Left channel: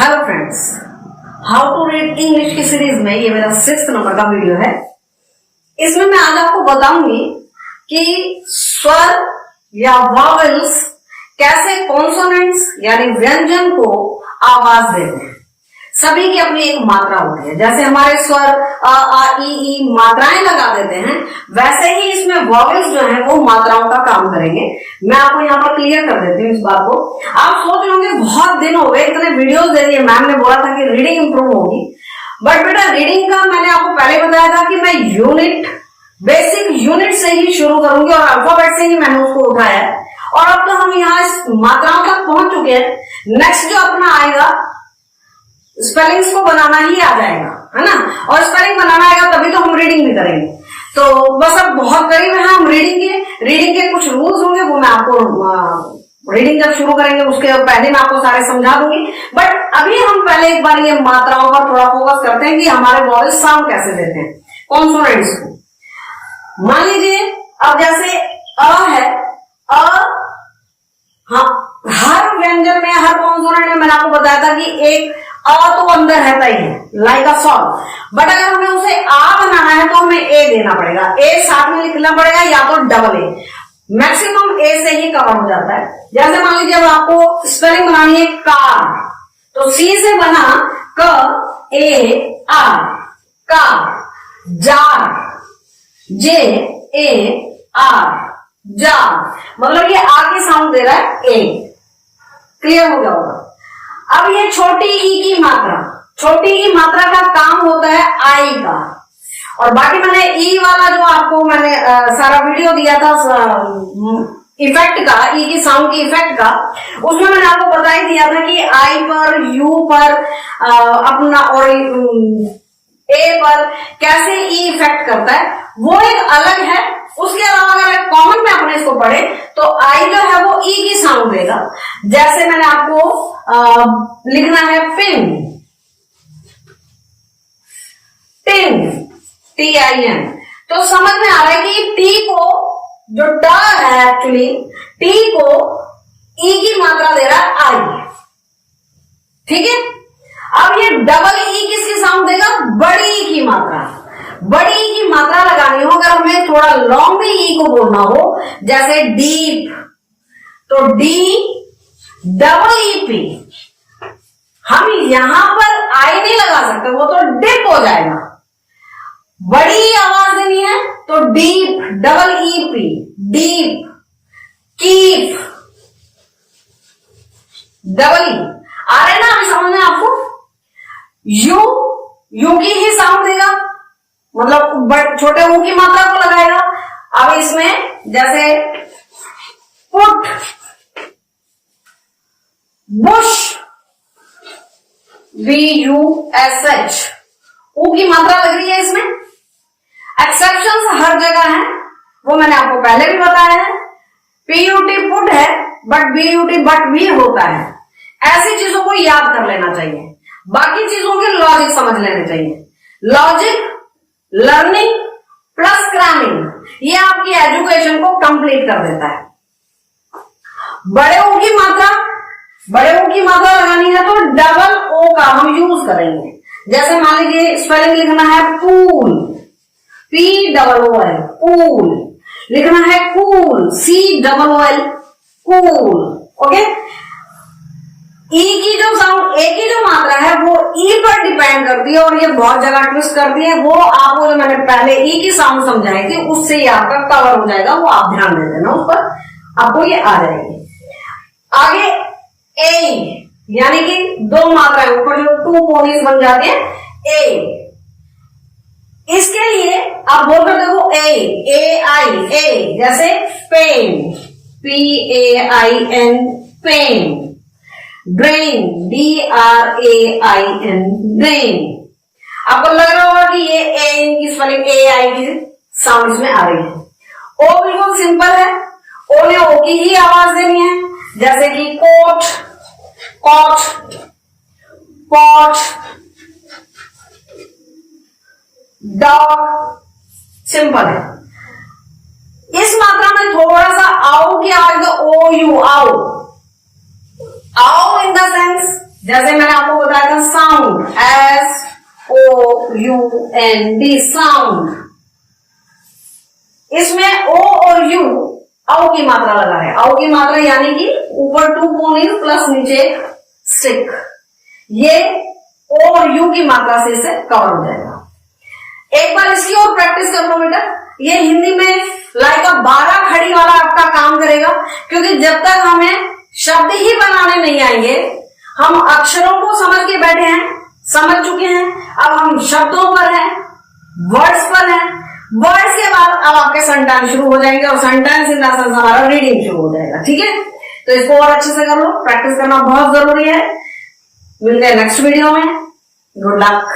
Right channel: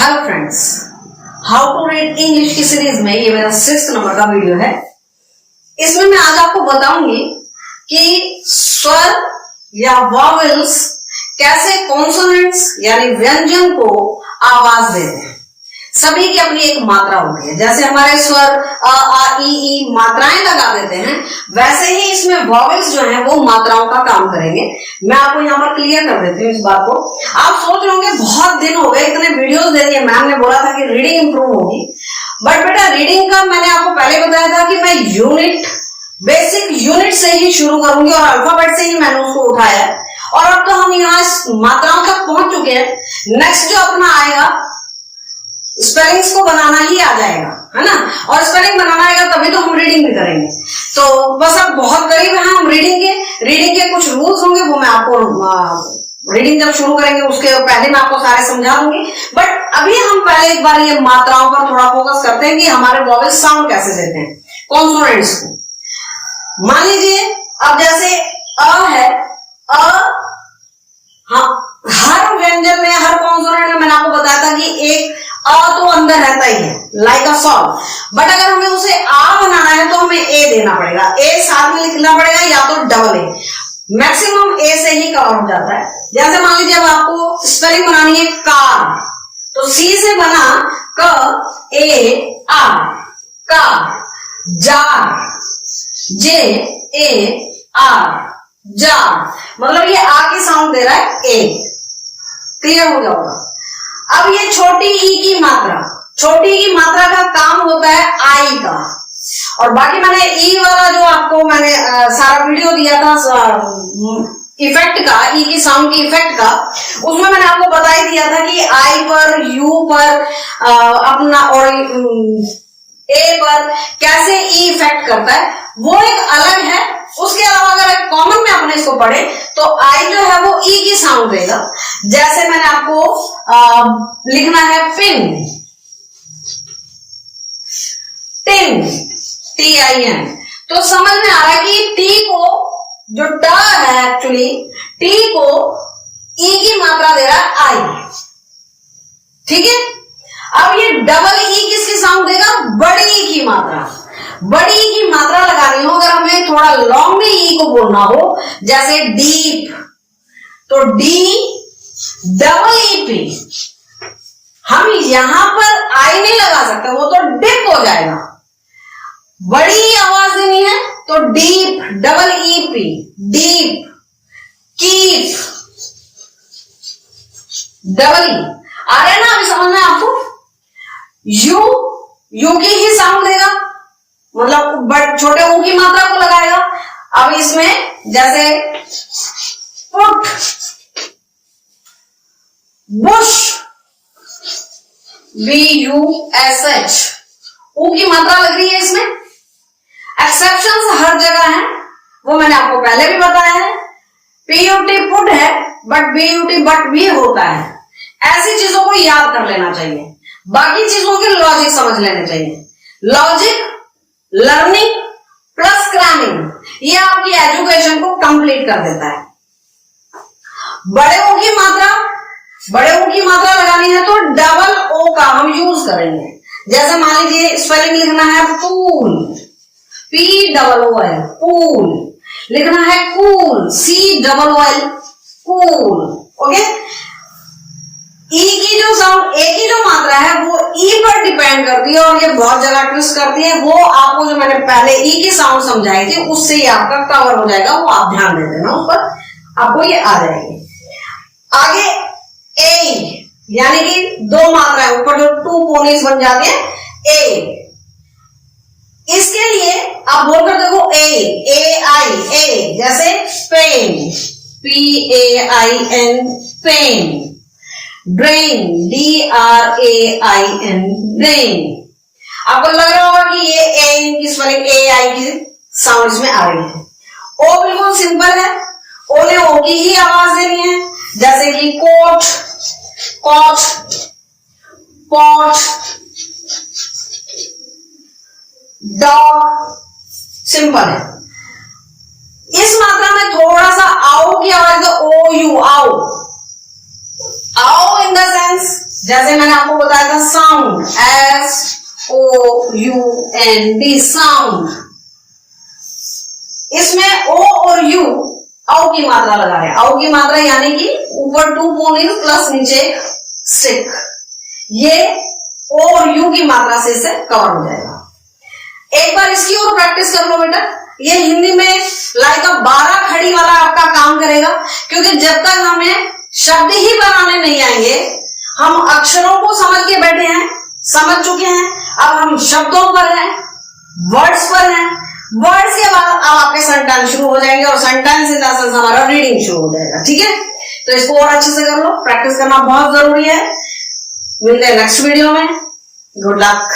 Hello friends, how to read English की series में ये मेरा 6th नंबर का वीडियो है। इसमें मैं आज आपको बताऊंगी कि स्वर या वॉवेल्स कैसे कॉन्सोनेंट्स यानी व्यंजन को आवाज देते हैं। सभी की अपनी एक मात्रा होती है। जैसे हमारे स्वर अ आ ई ई मात्राएं लगा देते हैं, वैसे ही इसमें वॉवेल्स जो हैं वो मात्राओं का काम करेंगे। मैं आपको यहाँ पर क्लियर कर देती हूँ इस बात को। आप सोच रहे होंगे बहुत दिन हो गए, इतने वीडियोस दे दिए, मैम ने बोला था कि रीडिंग इंप्रूव होगी, बट बेटा रीडिंग का मैंने आपको पहले बताया था कि मैं बेसिक यूनिट से ही शुरू करूंगी और अल्फाबेट से ही मैंने उसको उठाया है। और अब तो हम यहाँ मात्राओं तक पहुंच चुके हैं। नेक्स्ट जो अपना आएगा स्पेलिंग्स को बनाना ही आ जाएगा, है ना। और स्पेलिंग बनाना आएगा तभी तो हम रीडिंग भी करेंगे। तो बस अब बहुत करीब है हम रीडिंग के कुछ रूल्स होंगे, वो मैं आपको रीडिंग जब शुरू करेंगे उसके पहले मैं आपको सारे समझा दूंगी। बट अभी हम पहले एक बार ये मात्राओं पर थोड़ा फोकस करते हैं कि हमारे वॉवेल साउंड कैसे देते हैं, कॉन्सोनेंट्स को। मान लीजिए अब जैसे अ है, हर व्यंजन में, हर कॉन्सोनेंट में मैंने आपको बताया था कि एक अ तो अंदर रहता ही है, लाइक अ सॉल्व। बट अगर हमें उसे आ बनाना है तो हमें ए देना पड़ेगा, ए साथ में लिखना पड़ेगा या तो डबल ए। मैक्सिमम ए से ही कवर हो जाता है। जैसे मान लीजिए अब आपको स्पेलिंग बनानी है कार, तो सी से बना क A R, car. Jar, J A R, jar. मतलब ये आ की साउंड दे रहा है ए। क्लियर हो जाएगा। अब ये छोटी ई की मात्रा का काम होता है आई का। और बाकी मैंने ई वाला जो आपको मैंने सारा वीडियो दिया था इफेक्ट का, ई की साउंड की इफेक्ट का, उसमें मैंने आपको बता ही दिया था कि आई पर, यू पर अपना और ए पर कैसे ई इफेक्ट करता है, वो एक अलग है। उसके अलावा अगर कॉमन में अपने इसको पढ़े तो आई जो है वो ई की साउंड देगा। जैसे मैंने आपको लिखना है पिन, टिन, TIN, तो समझ में आ रहा है कि टी को, जो ट है एक्चुअली, टी को ई की मात्रा दे रहा है आई। ठीक है। अब ये डबल ई किसकी साउंड देगा? बड़ी ई की मात्रा। बड़ी ई की मात्रा लगानी हो, अगर हमें थोड़ा लॉन्ग में ई को बोलना हो, जैसे डीप, तो डी डबल ई पी। हम यहां पर आई नहीं लगा सकते, वो तो डिप हो जाएगा। बड़ी आवाज देनी है तो deep double E P, deep. Keep double E. आ रहा है ना अभी समझ में आपको? यू की ही साउंड देगा, मतलब छोटे ऊ की मात्रा को लगाएगा। अब इसमें जैसे पुट, बुश, BUSH, ऊ की मात्रा लग रही है इसमें। एक्सेप्शंस हर जगह हैं, वो मैंने आपको पहले भी बताया है। PUT पुट है, बट BUT बट भी होता है। ऐसी चीजों को याद कर लेना चाहिए, बाकी चीजों के लॉजिक समझ लेने चाहिए। लॉजिक, लर्निंग प्लस क्रैमिंग, ये आपकी एजुकेशन को कंप्लीट कर देता है। बड़े ओ की मात्रा लगानी है तो डबल ओ का हम यूज करेंगे। जैसे मान लीजिए स्पेलिंग लिखना है पूल, POOL, पूल। लिखना है कूल, COOL, कूल। ओके। ई की जो साउंड, ए की जो मात्रा है वो ई पर डिपेंड करती है, और ये बहुत जगह ट्विस्ट करती है। वो आपको जो मैंने पहले ई की साउंड समझाई थी उससे ही आपका कवर हो जाएगा, वो आप ध्यान दे देना उस पर, आपको ये आ जाएगी। आगे ए, यानी कि दो मात्राएं ऊपर जो टू पोनीज बन जाती है, ए। इसके लिए आप बोलकर देखो ए आई, ए जैसे pen, PAIN, pen. Drain, DRAIN, drain. आपको लग रहा होगा कि ये ए की स्पेलिंग AI की साउंड में आ रही है। ओ बिल्कुल सिंपल है, ओ ने ओ की ही आवाज देनी है। जैसे कि coat, cot, pot, dog, simple है। इस मात्रा में थोड़ा सा आओ की आवाज, तो ओ यू, आओ। आओ इन द सेंस, जैसे मैंने आपको बताया साउंड, SOUND साउंड। इसमें ओ और यू औ की मात्रा लगा है। औ की मात्रा यानी कि ऊपर 2 पोनील प्लस नीचे स्टिक, ये ओ और यू की मात्रा से इसे कवर हो जाएगा। एक बार इसकी और प्रैक्टिस कर लो बेटा। ये हिंदी में लाइक 12 खड़ी वाला आपका काम करेगा, क्योंकि जब तक हमें शब्द ही बनाने नहीं आएंगे, हम अक्षरों को समझ के बैठे हैं, समझ चुके हैं, अब हम शब्दों पर हैं, वर्ड्स पर हैं। वर्ड्स के बाद अब आपके सेंटेंस शुरू हो जाएंगे और सेंटेंस इन द सेंस हमारा रीडिंग शुरू हो जाएगा। ठीक है, तो इसको और अच्छे से कर लो, प्रैक्टिस करना बहुत जरूरी है। मिलते हैं नेक्स्ट वीडियो में। Good luck.